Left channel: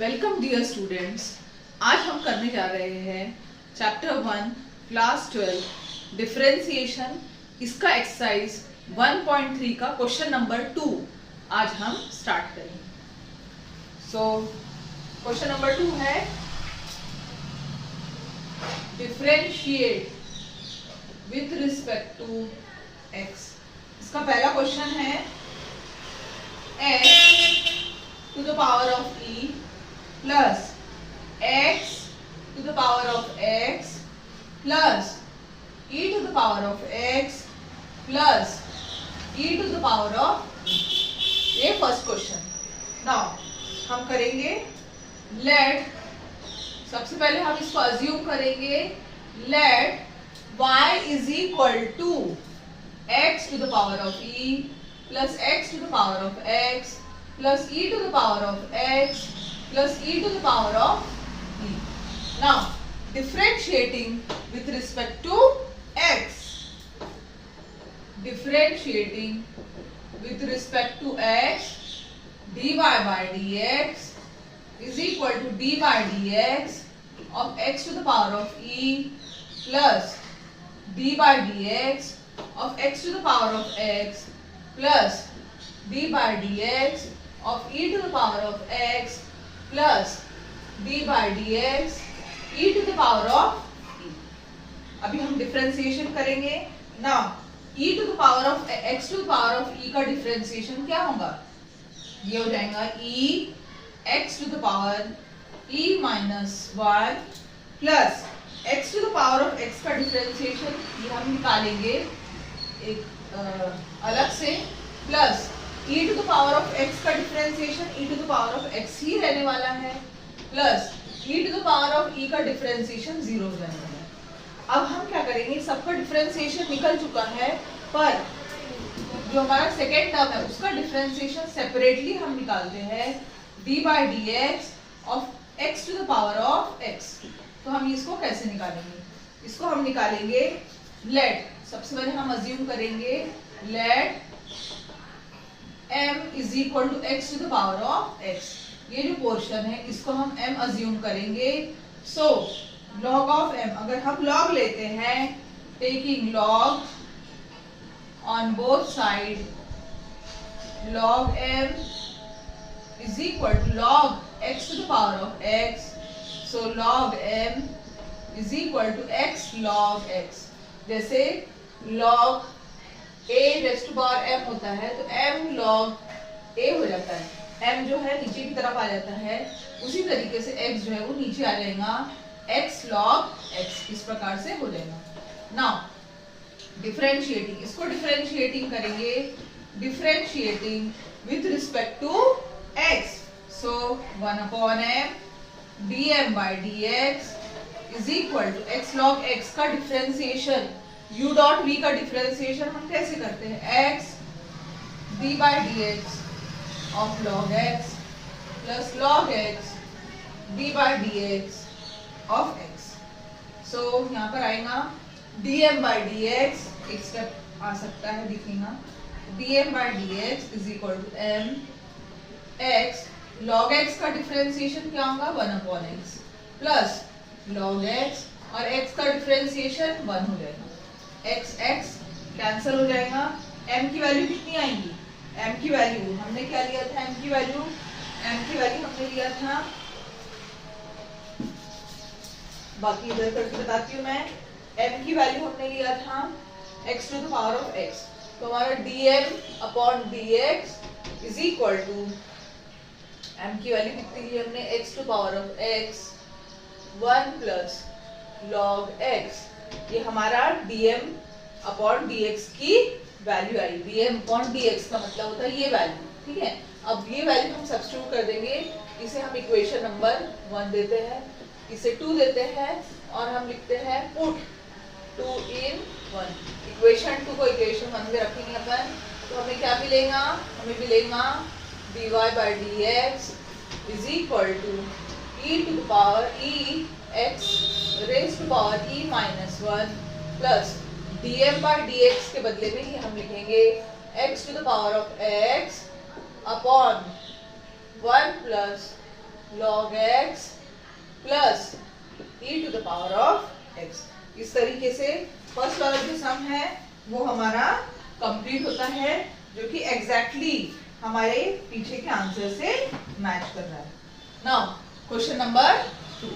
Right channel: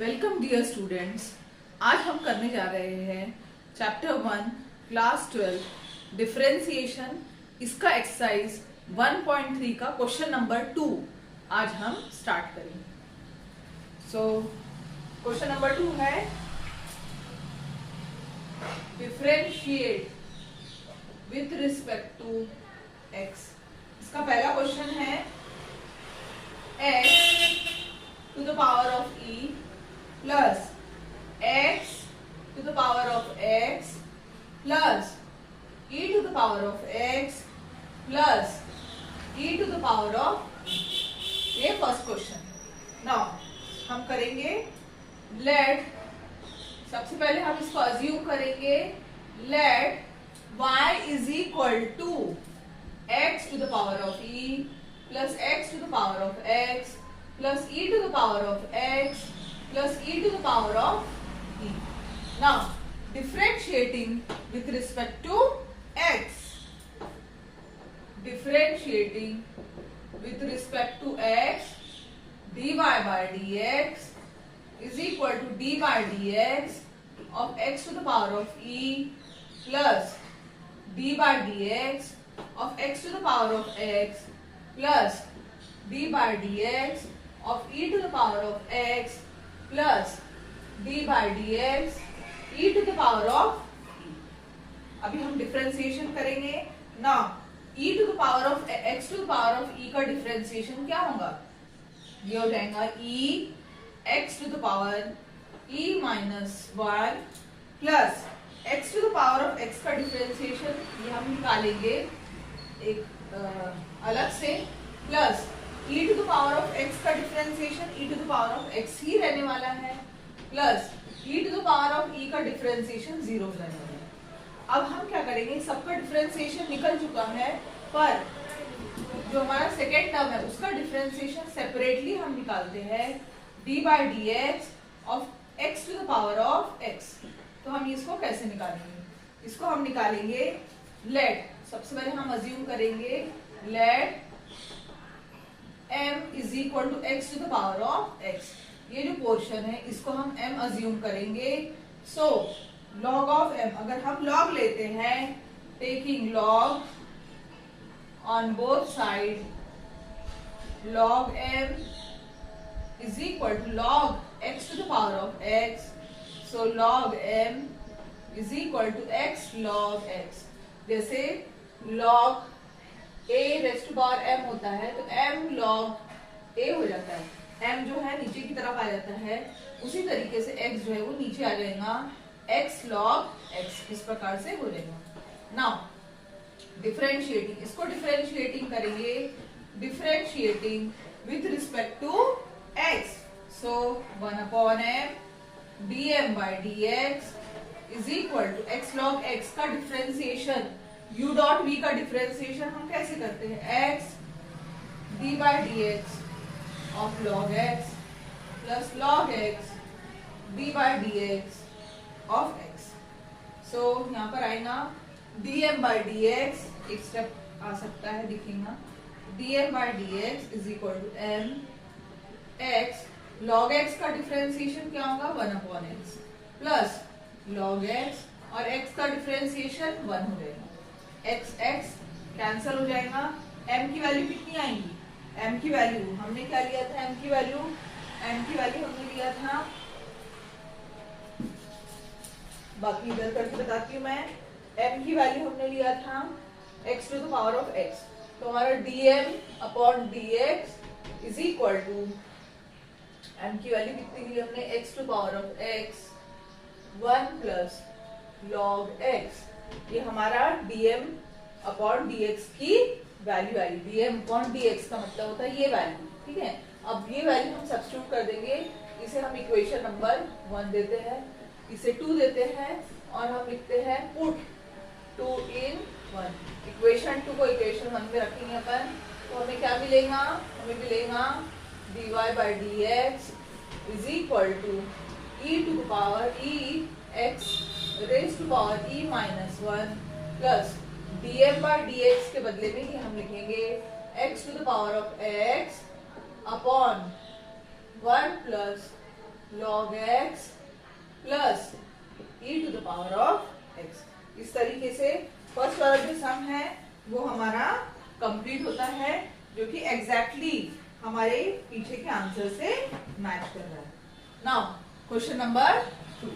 Welcome dear students. आज हम करने जा रहे हैं चैप्टर 1 क्लास 12 डिफरेंशिएशन। इसका एक्सरसाइज 1.3 का क्वेश्चन नंबर 2 आज हम स्टार्ट करेंगे। क्वेश्चन नंबर 2 है differentiate with respect to x। इसका पहला क्वेश्चन है x to the power of e plus x to the power of x plus e to the power of x plus e to the power of ये first question. Now हम करेंगे late, सबसे पहले हम इसको assume करेंगे late y is equal to x to the power of e plus x to the power of x plus e to the power of x plus e to the power of e. Now differentiating with respect to x, differentiating with respect to x, dy by dx is equal to d by dx of x to the power of e plus d by dx of x to the power of x plus d by dx of e to the power of x plus d by dx e to the power of e। अभी हम differentiation करेंगे ना। e to the power of x to the power of e का differentiation क्या होगा? ये हो जाएगा e x to the power e minus 1 plus x to the power of x का डिफरेंशिएशन ये हम निकालेंगे एक अलग से, plus e to the power of x का differentiation e to the power of x ही रहने वाला है, plus e to the power of e का डिफरेंशिएशन 0 रहने वाला है। अब हम क्या करेंगे, सबका डिफरेंशिएशन निकल चुका है, पर जो हमारा सेकेंड टर्म है उसका डिफरेंशिएशन सेपरेटली हम निकालते हैं d by dx of x to the power of x। तो हम इसको कैसे निकालेंगे? इसको हम निकालेंगे लेट, सबसे पहले हम अज्यूम करेंगे late m is equal to x to the power of x। ये जो पोर्शन है इसको हम m अज्यूम करेंगे। सो log of m, अगर हम log लेते हैं taking log on both side, log m is equal to log x to the power of x। so log m is equal to x log x। जैसे log a raised to power m होता है तो m log a हो जाता है, m जो है नीचे की तरफ आ जाता है, उसी तरीके से x जो है वो नीचे आ जाएगा, x log x इस प्रकार से हो जाएगा। नाउ डिफरेंशिएटिंग, इसको डिफरेंशिएटिंग करेंगे differentiating with respect to x। So 1 upon m dm by dx is equal to x log x का डिफरेंशिएशन u डॉट v का डिफरेंशिएशन हम कैसे करते हैं, x d by dx of log x plus log x d by dx of x। सो यहाँ पर आएगा dm by dx, एक स्टेप आ सकता है दिखेगा, dm by dx is equal to m x log x का डिफरेंशिएशन क्या होगा 1 upon x plus log x और x का डिफरेंशिएशन 1 हो जाएगा, x x कैंसिल हो जाएगा, m की वैल्यू कितनी आएगी, m की वैल्यू हमने क्या लिया था, m की वैल्यू हमने लिया था, बाकी इधर करके बताती हूँ मैं, m की वैल्यू हमने लिया था x to the power of x। तो हमारा dm upon dx is equal to m की वैल्यू कितनी ली हमने, x to the power of x 1 plus log x। ये हमारा dm अपॉन dx की वैल्यू आई। dm अपॉन dx का मतलब होता है ये वैल्यू, ठीक है। अब ये वैल्यू हम सब्स्टिट्यूट कर देंगे, इसे हम इक्वेशन नंबर 1 देते हैं, इसे 2 देते हैं और हम लिखते हैं पुट 2 in 1। इक्वेशन 2 को इक्वेशन 1 में रखेंगे अपन, तो हमें क्या मिलेगा, हमें मिलेगा dy by dx is equal to e to the power e x raised to power e minus 1 plus dm by dx के बदले में ही हम लिखेंगे x to the power of x upon 1 plus log x plus e to the power of x। इस तरीके से first वाला जो सम है वो हमारा कंप्लीट होता है, जो कि एग्जैक्टली हमारे पीछे के आंसर से मैच कर रहा है। Now question number 2।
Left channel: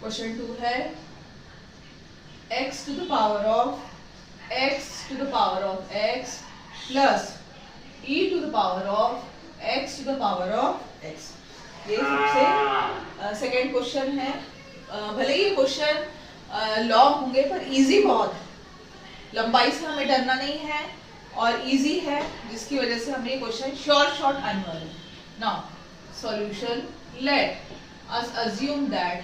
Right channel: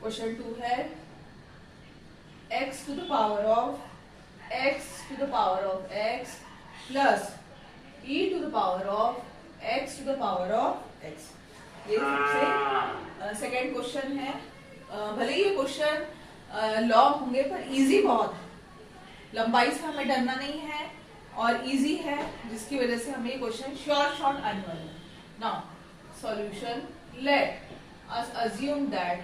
क्वेश्चन 2 है x to the power of x plus e to the power of x to the power of x। ये सबसे सेकेंड क्वेश्चन है। भले ही ये क्वेश्चन लॉन्ग होंगे पर इजी बहुत है, लंबाई से हमें डरना नहीं है और इजी है, जिसकी वजह से हमें ये क्वेश्चन शॉर्ट आने वाले हैं। Now solution, let us assume that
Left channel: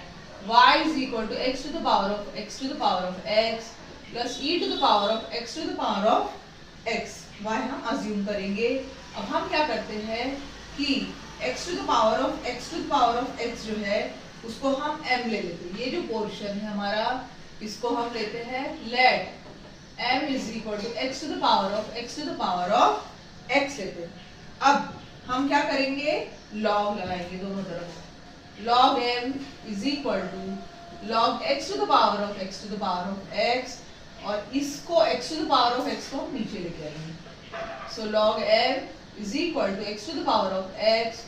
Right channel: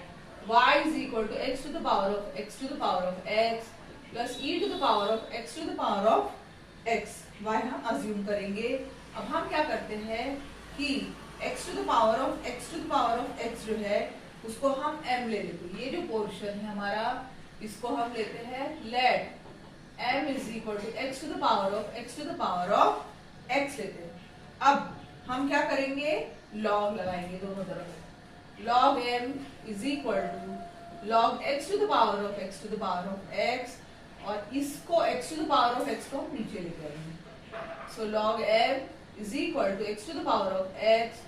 y is equal to x to the power of x plus e to the power of x to the power of x। y हम assume करेंगे। अब हम क्या करते हैं कि x to the power of x जो है उसको हम m ले लेते हैं। ये जो पोर्शन है हमारा, इसको हम लेते हैं late m is equal to x to the power of x लेते हैं। अब हम क्या करेंगे, log लगाएंगे दोनों तरफ। log m is equal to log x to the power of x, और इसको x to the power of x को नीचे लेके आएंगे। so log m is equal to x to the power of x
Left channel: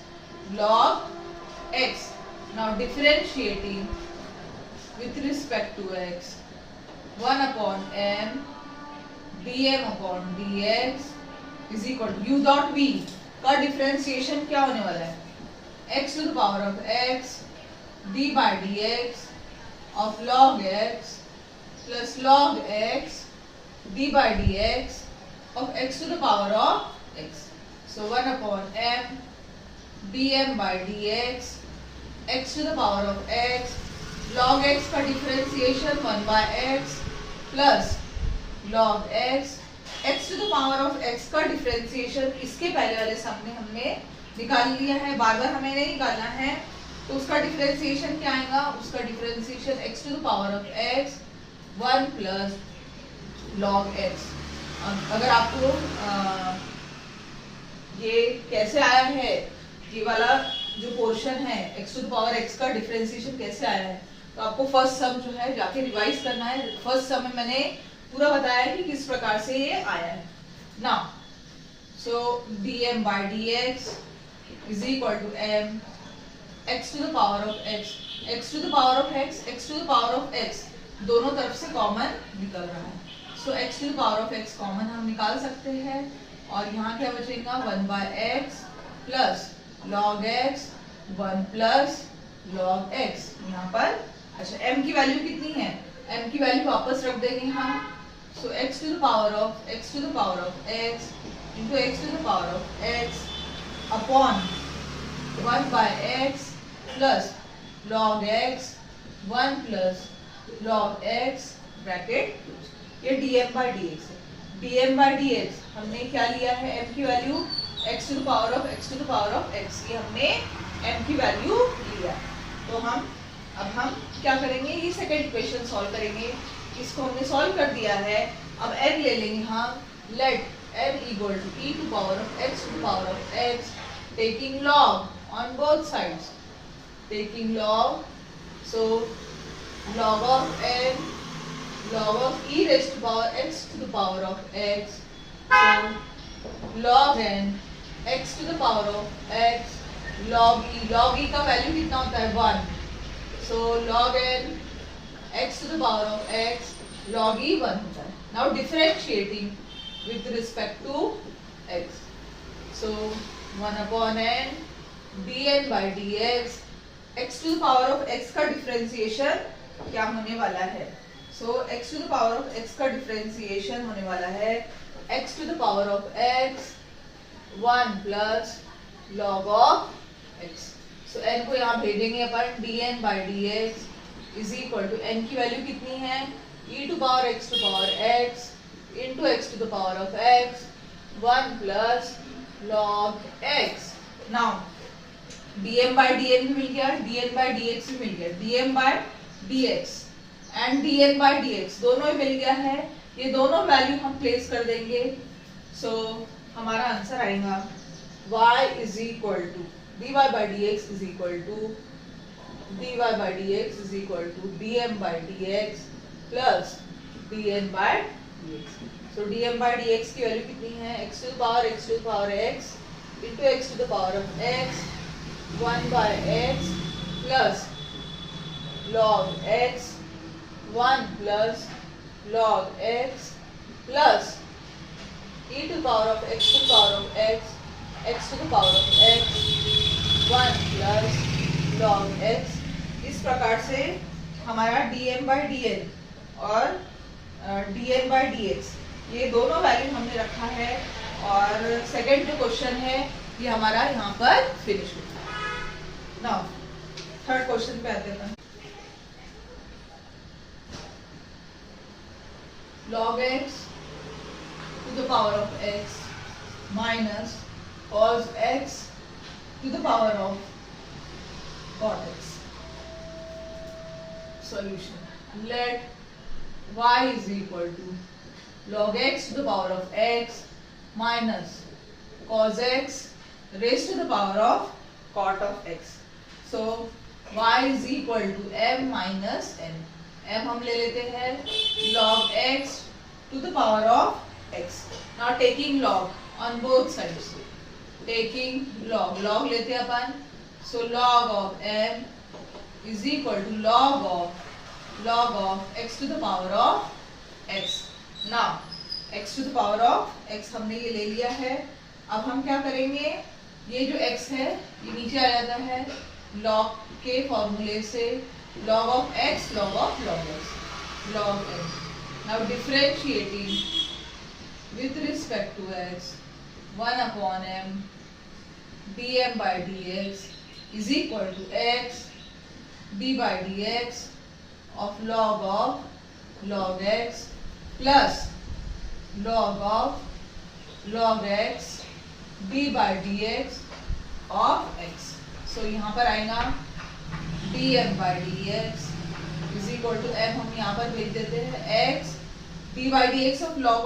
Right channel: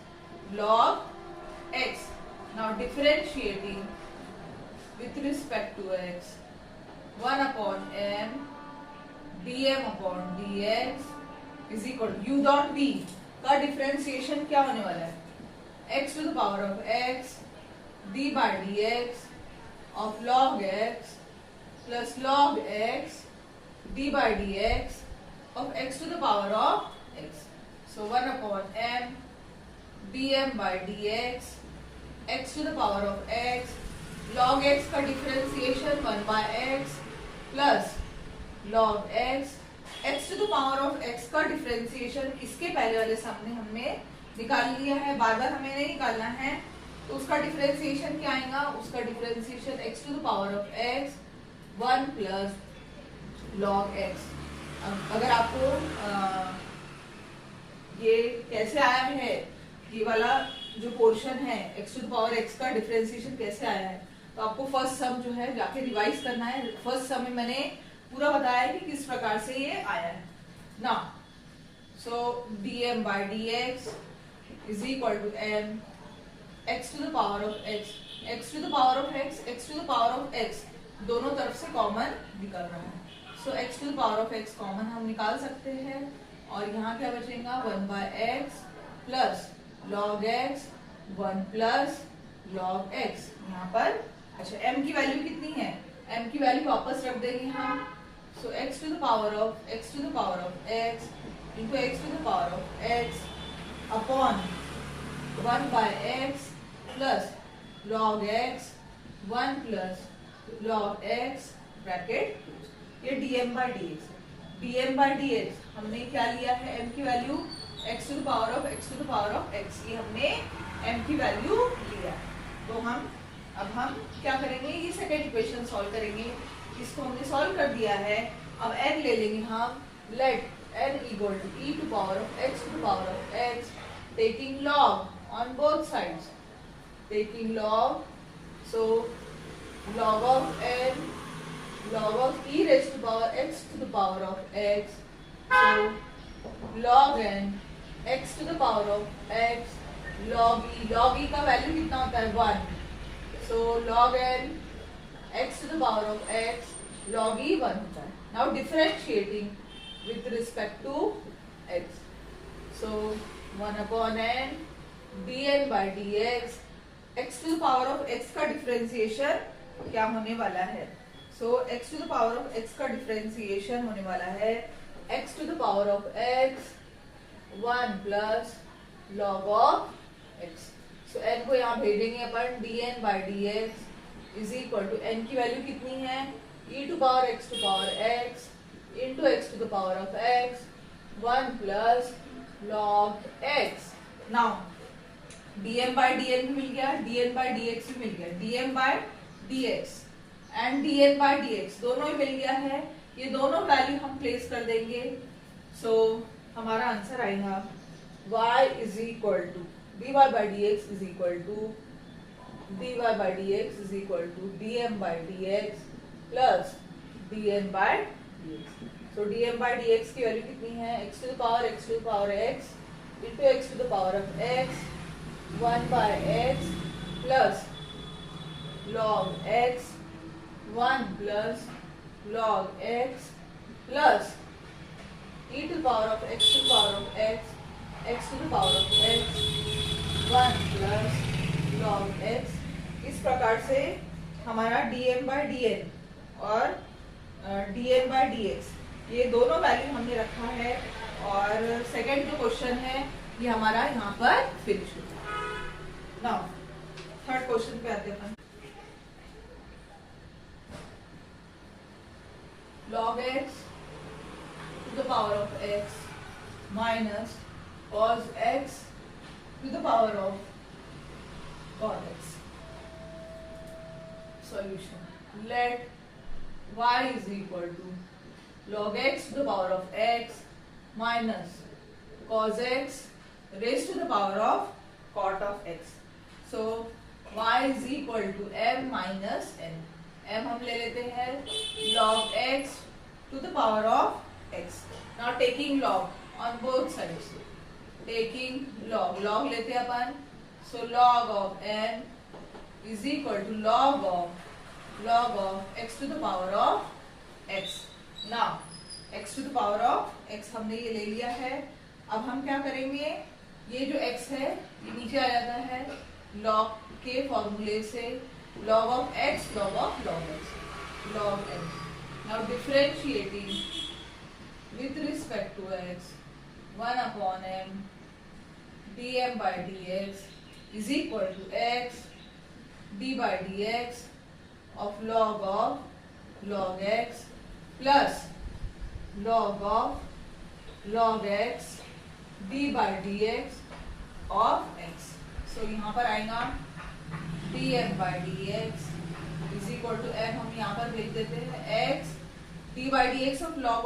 log x। now differentiating with respect to x, 1 upon m dm upon dx is equal to u dot v का differentiation क्या होने वाला है, x to the power of x d by dx of log x plus log x d by dx of x to the power of x। so 1 upon m dm by dx x to the power of x log x का differentiation 1 by x plus log x x to the power of x का differentiation इसके पहले वाले सम में हमने निकाल लिया है, बार बार हमें नहीं निकालना है। तो उसका डिफरेंशिएशन क्या आएगा, उसका differentiation x to the power of x 1 plus log x। अगर आपको ये कैसे आया है, ये वाला जो पोर्शन है x to the power x का डिफरेंशिएशन कैसे आया है, तो आपको फर्स्ट सम जो है जाके रिवाइज करना है। फर्स्ट सम में मैंने पूरा बताया कि किस प्रकार से ये आया है। Now so dm by dx is equal to m x to the power of x to the power of x to the power of x दोनों तरफ से कॉमन निकल रहा है। सो x to the power of x common हम निकाल सकते हैं, और यहाँ क्या बचेगा 1 by x plus log x 1 plus log x। यहाँ पर अच्छा m की वैल्यू कितनी है, m की वैल्यू वापस रख देंगे हम। सो x to the power of x into x to the power of x upon 1 by x plus log x 1 plus log x bracket, ये dm by dx है। dm by dx हमने क्या लिया है, m की value x to the power of x की हमने m की वैल्यू लिया। तो अब हम क्या करेंगे, ये सेकेंड इक्वेशन सॉल्व करेंगे। इसको हमने सॉल्व कर दिया है। अब n ले लेंगे हम, late n equal to e to power of x to the power of x taking log on both sides, taking log, so log of n log of e raised to power x to the power of x, so log n x to the power of x log e का value कितना होता है 1, so log n x to the power of x log e 1 होता है। now differentiating with respect to x, so 1 upon n dn by dx x to the power of x का differentiation क्या होने वाला है, so x to the power of x का differentiation होने वाला है x to the power of x 1 plus log of x। so n को यहाँ भेजेंगे अपन, dn by dx is equal to n की वैल्यू कितनी है, e to power x into x to the power of x 1 plus log x। now dm by dn भी मिल गया, dn by dx भी मिल गया, dm by dx and dn by dx दोनों ही मिल गया है। ये दोनों वैल्यू हम प्लेस कर देंगे। सो हमारा आंसर आएगा y is equal to dy by dx is equal to dy by dx is equal to dm by dx plus dn by dx. So dm by dx की वैल्यू कितनी है? x to the power x into x to the power of x 1 by x plus log x 1 plus log x plus e to the power of x to the power of x to the power of x 1 plus log x. इस प्रकार से हमारा dm by dn और dn by dx ये दोनों value हमने रखा है और सेकंड जो क्वेश्चन है ये हमारा यहाँ पर फिनिश होता है. नाउ थर्ड क्वेश्चन पे आते हैं. log x to the power of x minus cos x to the power of cot x. Solution. Let y is equal to log x to the power of x minus cos x raised to the power of cot of x. So y is equal to m minus n. m हम ले लेते हैं log x to the power of x. Now taking log on both sides. Taking log लेते हैं अपन. So log of m is equal to log of x to the power of x. Now x to the power of x हमने ये ले लिया है. अब हम क्या करेंगे? ये जो x है ये नीचे आ जाता है log के फॉर्मूले से. log of x log of log x log x. Now differentiating with respect to x 1 upon m dm by dx is equal to x d by dx of log x plus log of log x d by dx of x. So यहाँ पर आएगा dm by dx is equal to m हम यहाँ पर भेज देते हैं x d by dx of log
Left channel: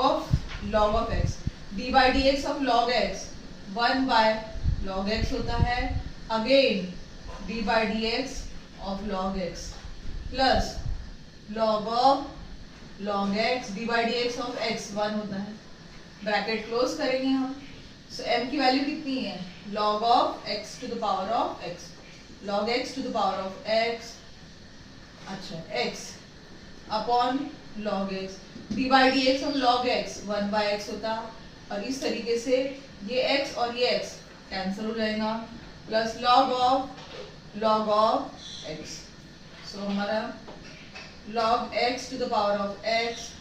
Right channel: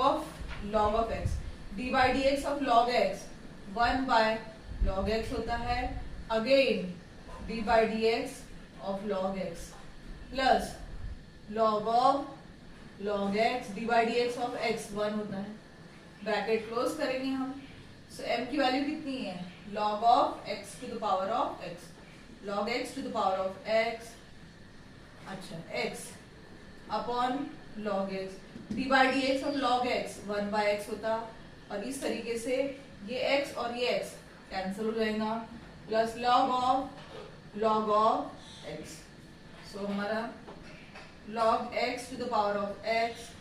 of x. d by dx of log x 1 by log x होता है. Again d by dx of log x plus log of log x d by dx of x 1 होता है. Bracket close करेंगे हम. So m की value कितनी है? log of x to the power of x. log x to the power of x अच्छा x upon log x d by dx of log x 1 by x होता. और इस तरीके से ये x और ये x कैंसिल हो जाएगा plus log of x. So हमारा log x to the power of x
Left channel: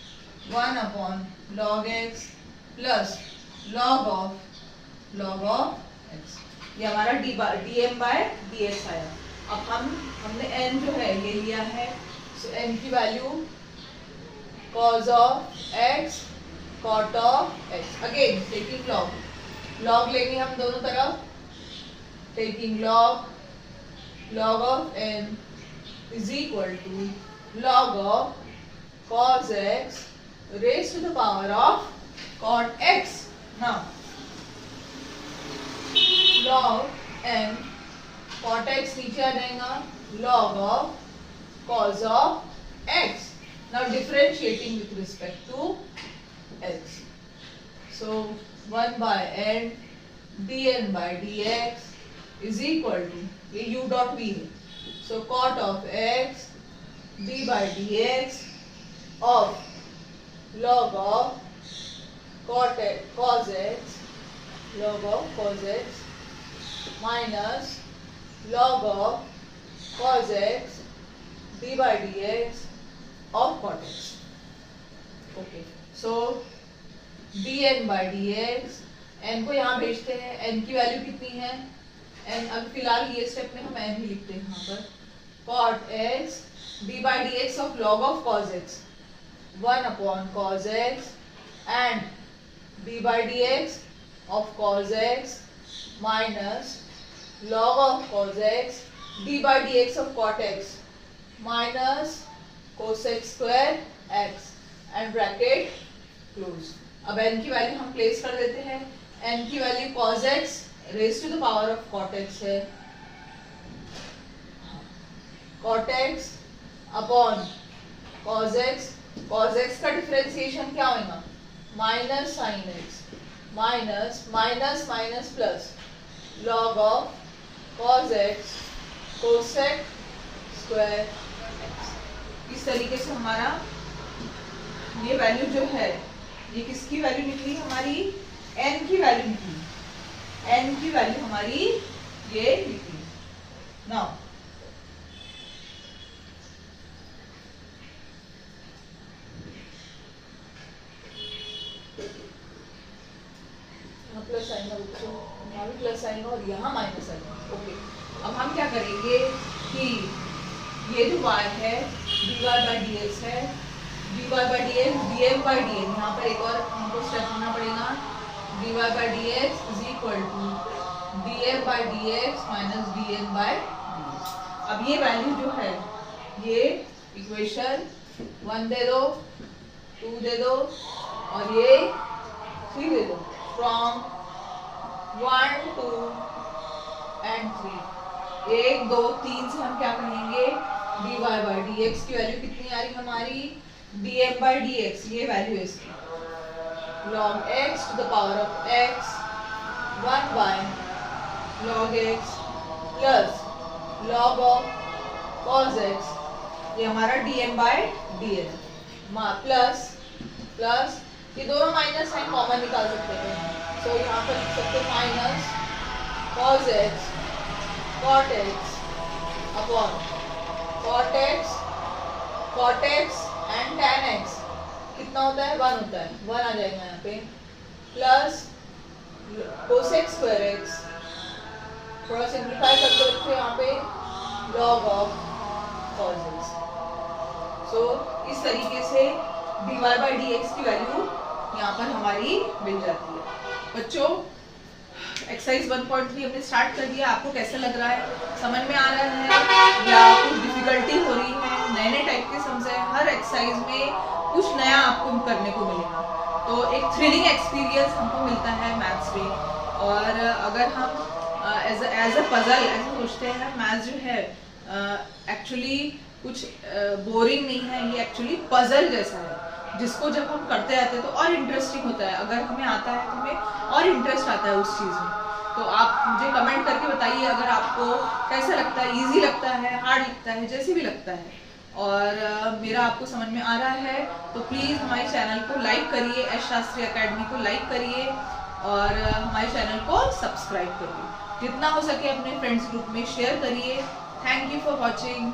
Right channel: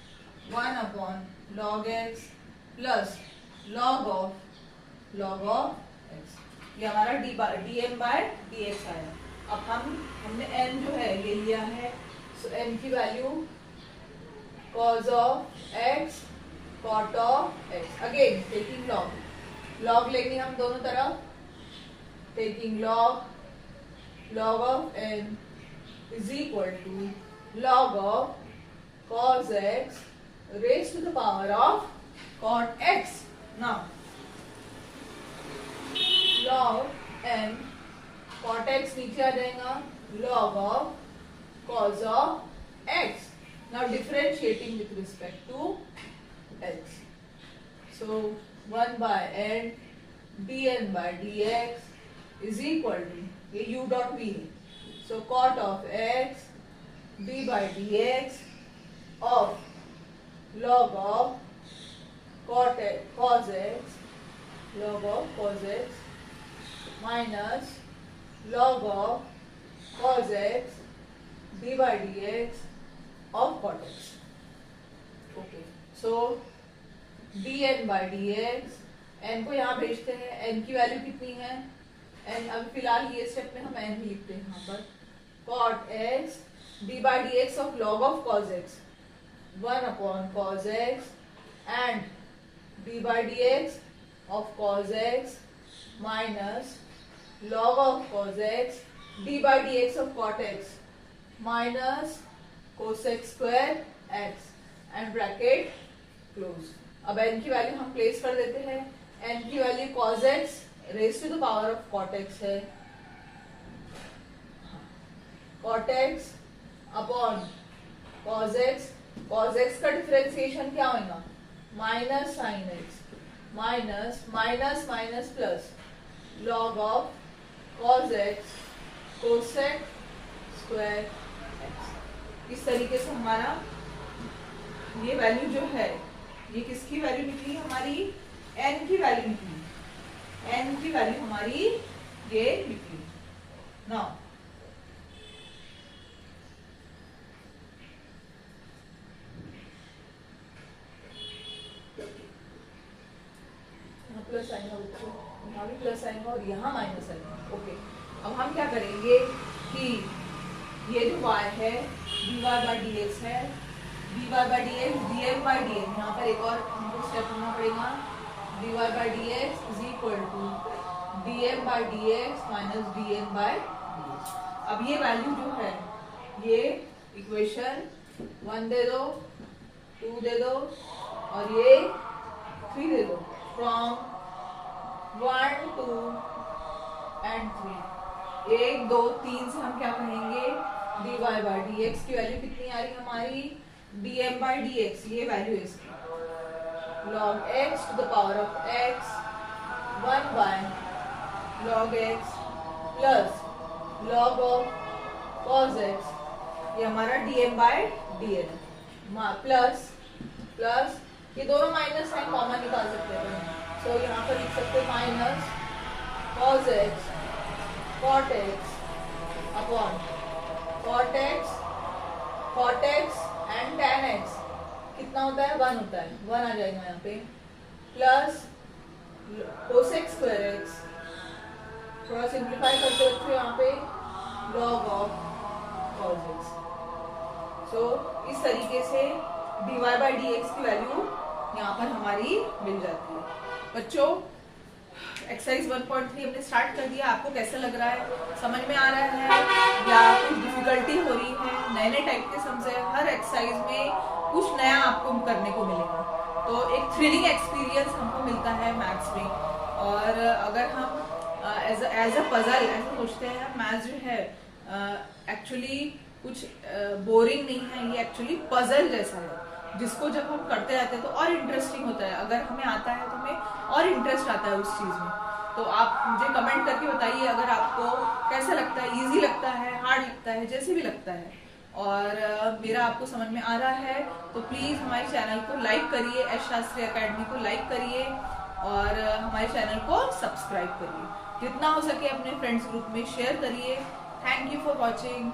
1 upon log x plus log of x. ये हमारा dm by dx आया. अब हमने n जो है ये लिया है. सो n की value cos of x cot of x. Again taking log लेंगे हम दोनों तरफ. Taking log of n is equal to log of cos x raised to the power of cot x. Now log n cot x नीचे आ जाएगा log of cos of x. Now differentiating with respect to x. So 1 by n dn by dx is equal to ये u dot v है. So cot of x d by dx of log of cos x log of cos x minus log of cos x d by dx of cot x. Okay, so dn by dx n को यहाँ भेजते हैं. n की value कितनी है? n अब फिलहाल ये स्टेप में हम n ही लिखते हैं यहाँ पर. cot x d by dx of log of cos x 1 upon cos x and d by dx of cos x minus log of cos x d by dx of cot x minus cosec square x and bracket close. अब n की value हम place कर देते हैं. n की value cos x raise to the power of cot x है, cot x upon cos x. Cos x का differentiation क्या होगा, minus sine x minus minus minus plus log of cos x cosec square x. इस तरीके से हमारा ये value जो है, ये किसकी वैल्यू निकली, हमारी n की वैल्यू निकली, n की वैल्यू हमारी ये निकली। नाउ प्लस साइन है बच्चों, यहाँ भी प्लस साइन है और यहाँ माइनस साइन है। ओके, अब हम क्या करेंगे कि ये जो y है dy बाई डी एक्स है, dy by d x dm by d x, यहाँ पर एक और हमको स्टेप लेना पड़ेगा, dy by d x is equal to dm by d x minus dn by d x. अब ये वैल्यू जो है, ये इक्वेशन 1 दे दो, 2 दे दो और ये 3 दे दो। फ्रॉम 1 2 एंड 3, 1 2 3 से हम क्या कहेंगे, dy बाई डी एक्स की वैल्यू कितनी आ रही हमारी, dm बाई डी एक्स, ये वैल्यू है इसकी, log x to the power of x 1 by log x plus log of cos x, ये हमारा dm by dn plus plus ये दोनों माइनस साइन कॉमन निकाल सकते हैं, तो यहाँ पर लिख सकते हैं minus cos x cot x upon cot x and tan x कितना होता है, 1 होता है, 1 आ जाएगा यहाँ पे, प्लस cosec स्क्वायर x, थोड़ा सिंप्लीफाई करते रखते यहाँ पे log ऑफ cos x। सो इस तरीके से dy बाई डी एक्स की वैल्यू यहाँ पर हमारी मिल जाती है। बच्चों एक्सरसाइज 1.3 हमने स्टार्ट कर दिया, आपको कैसा लग रहा है, समझ में आ रहा है या कुछ डिफिकल्टी हो रही है, नए नए टाइप के सम्स है, हर एक्सरसाइज में कुछ नया आपको करने को मिलेगा, तो एक थ्रिलिंग एक्सपीरियंस हमको मिलता है मैथ्स में। और अगर हम एज अ पजल ऐसा सोचते हैं, मैथ्स जो है एक्चुअली कुछ बोरिंग नहीं है, ये एक्चुअली पजल जैसा है, जिसको जब हम करते रहते हैं तो और इंटरेस्टिंग होता है, अगर हमें आता है तो हमें और इंटरेस्ट आता है उस चीज़ में। तो आप मुझे कमेंट करके बताइए अगर आपको कैसा लगता है, इजी लगता है, हार्ड लगता है, जैसे भी लगता है, और मेरा आपको समझ में आ रहा है तो प्लीज़ हमारे चैनल को लाइक करिए, एस शास्त्री अकेडमी को लाइक करिए और हमारे चैनल को सब्सक्राइब करिए, जितना हो सके अपने फ्रेंड्स ग्रुप में शेयर करिए। Thank you for watching.